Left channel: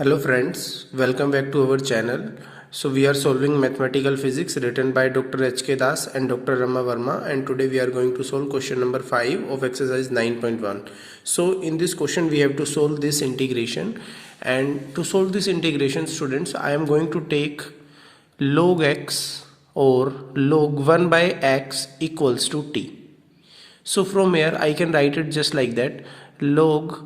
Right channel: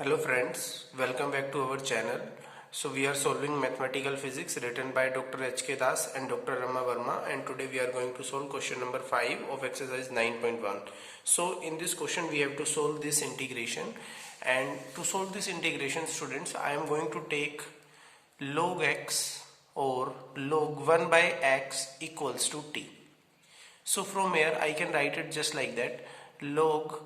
Hello friends, welcome back to our channel. So we are solving mathematical physics written by Dr. H.K. Das and Dr. Rama Verma, and today we are going to solve question number 5 of exercise 9.1. So in this question we have to solve this integration, and to solve this integration, students, I am going to take log x or log 1 by x equals to t. So from here I can write it just like that. Log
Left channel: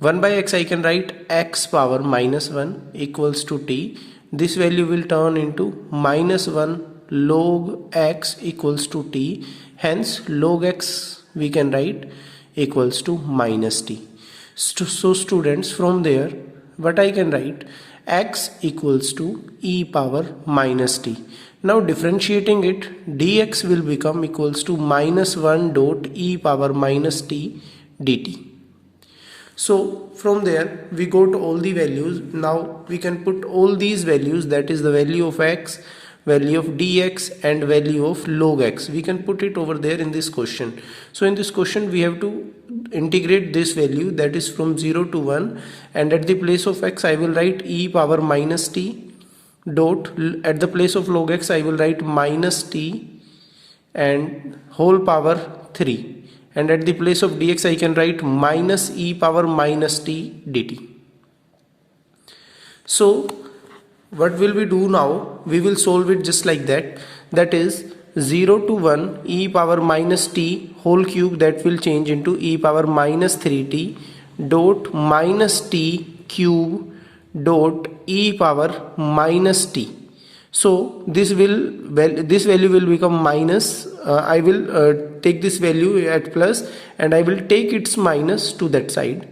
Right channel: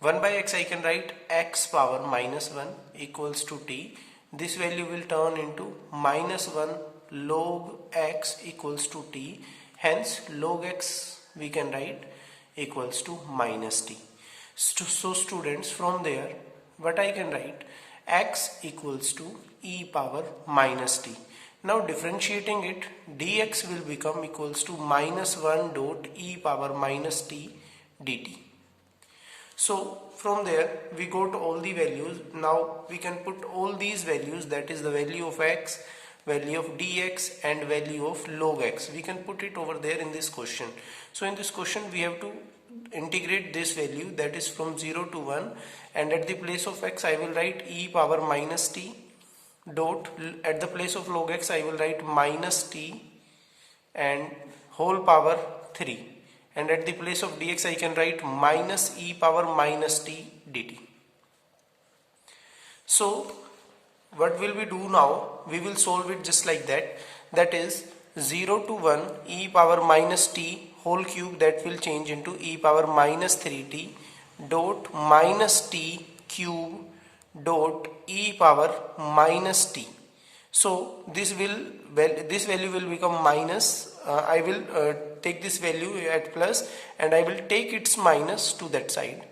1 by x I can write x power minus 1 equals to t. This value will turn into minus 1 log x equals to t. Hence log x we can write equals to minus t. So students, from there what I can write, x equals to e power minus t. Now differentiating it, dx will become equals to minus 1 dot e power minus t dt. So from there we go to all the values. Now we can put all these values, that is the value of x, value of dx and value of log x. We can put it over there in this question. So in this question we have to integrate this value, that is from 0 to 1, and at the place of x I will write e power minus t dot, at the place of log x I will write minus t and whole power 3. And at the place of dx I can write minus e power minus t dt. So what will we do now? We will solve it just like that. That is 0 to 1 e power minus t whole cube, that will change into e power minus 3t dot minus t cube dot e power minus t. So this value will become minus. I will take this value at plus and I will take its minus to that side,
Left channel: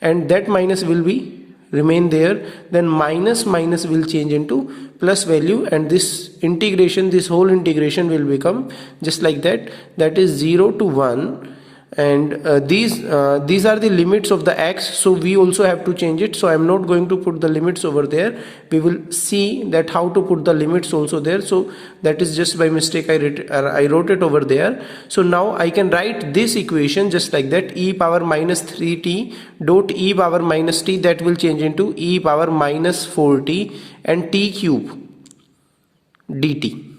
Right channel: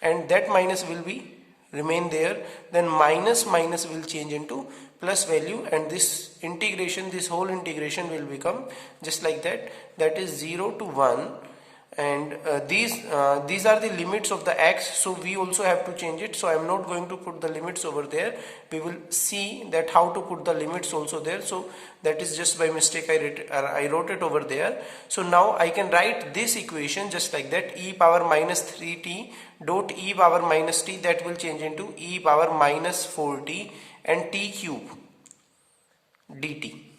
and that minus will be remain there. Then minus will change into plus value, and this integration, this whole integration will become just like that. That is 0 to 1, and these are the limits of the x, so we also have to change it. So I am not going to put the limits over there. We will see that how to put the limits also there. So that is just by mistake I wrote it over there. So now I can write this equation just like that, e power minus 3t dot e power minus t, that will change into e power minus 4t and t cube dt.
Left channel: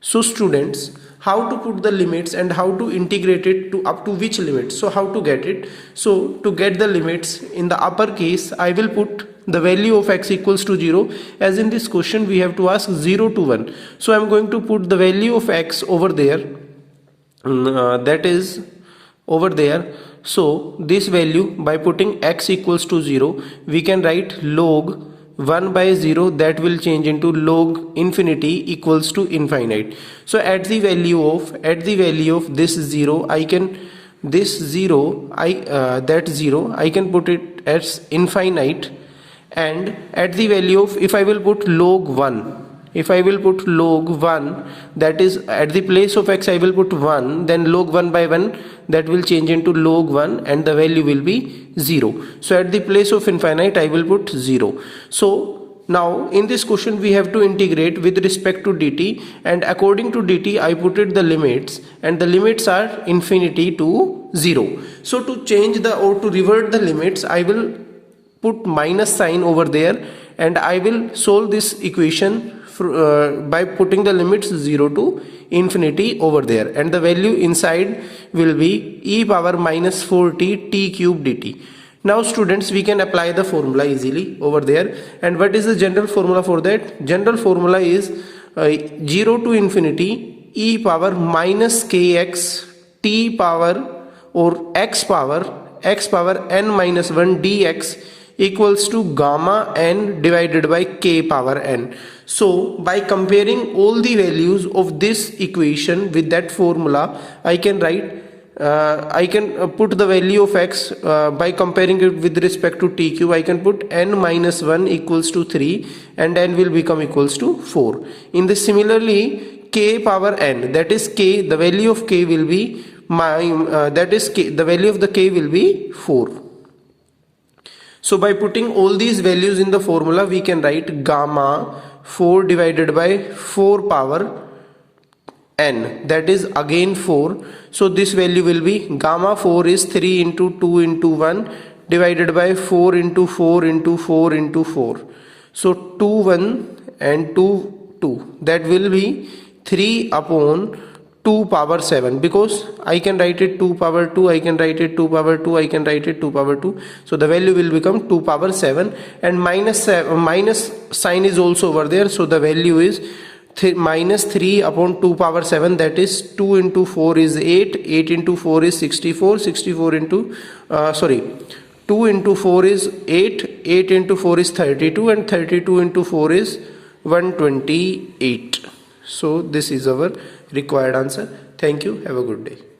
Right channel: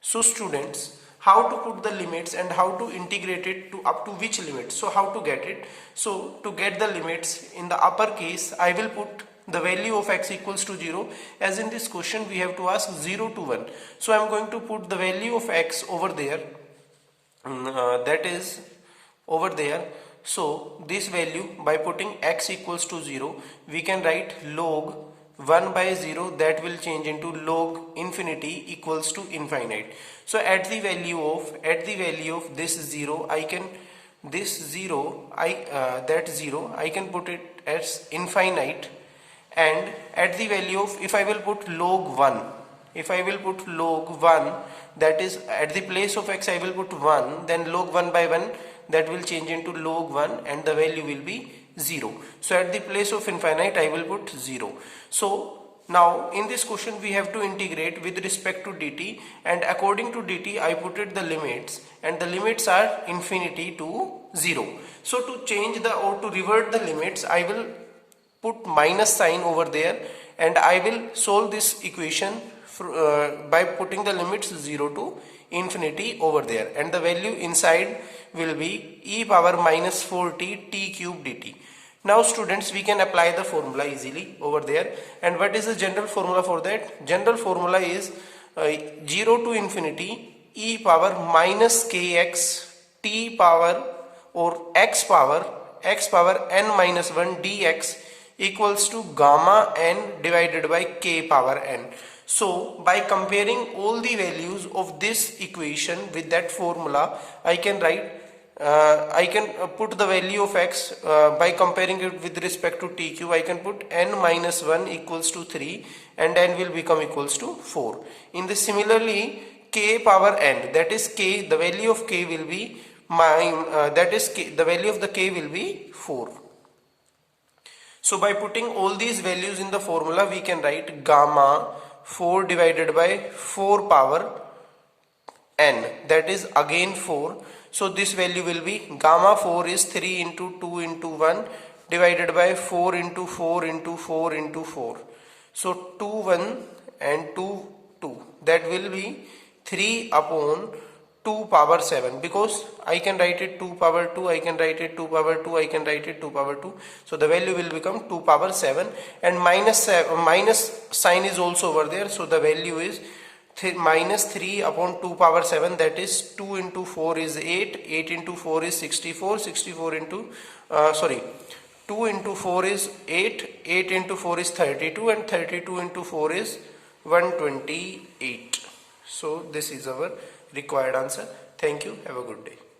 So students, how to put the limits and how to integrate it to up to which limit. So how to get it? So to get the limits in the upper case, I will put the value of x equals to 0. As in this question we have to ask 0 to 1. So I am going to put the value of x over there, that is over there. So this value, by putting x equals to 0, we can write log 1 by 0, that will change into log infinity equals to infinite. So at the value of this 0, I can that 0 I can put it as infinite, and at the value of, if I will put log 1, that is at the place of x I will put 1, then log 1 by 1, that will change into log 1 and the value will be 0. So at the place of infinite I will put 0. So now in this question we have to integrate with respect to dt, and according to dt I put it the limits, and the limits are infinity to 0. So to change the, or to revert the limits, I will put minus sign over there, and I will solve this equation by putting the limits 0 to infinity over there, and the value inside will be e power minus 4t t cube dt. Now students, we can apply the formula easily over there. And what is the general formula for that? General formula is 0 to infinity e power minus kx t power or x power n minus 1 dx equals to gamma n divided by k power n. So by comparing all the values of this equation with that formula, I can write put the value of x by comparing it with respect to t cube. I can put n minus 1 equals to 3 and n will become equals to 4. In this, similarly, k power n, that is k, the value of k will be the value of the k will be 4. So by putting all these values in the formula, we can write gamma 4 divided by 4 power n, that is again 4. So this value will be, gamma 4 is 3 into 2 into 1 divided by 4 into 4 into 4 into 4. So 2 1 and 2 2, that will be 3 upon 2 power 7, because I can write it 2 power 2, I can write it 2 power 2, I can write it 2 power 2. So the value will become 2 power 7, and minus sign is also over there. So the value is minus 3 upon 2 power 7, that is 2 into 4 is 8, 8 into 4 is 64, 64 into 2 into 4 is 8, 8 into 4 is 32, and 32 into 4 is 128. So this is our required answer. Thank you. Have a good day.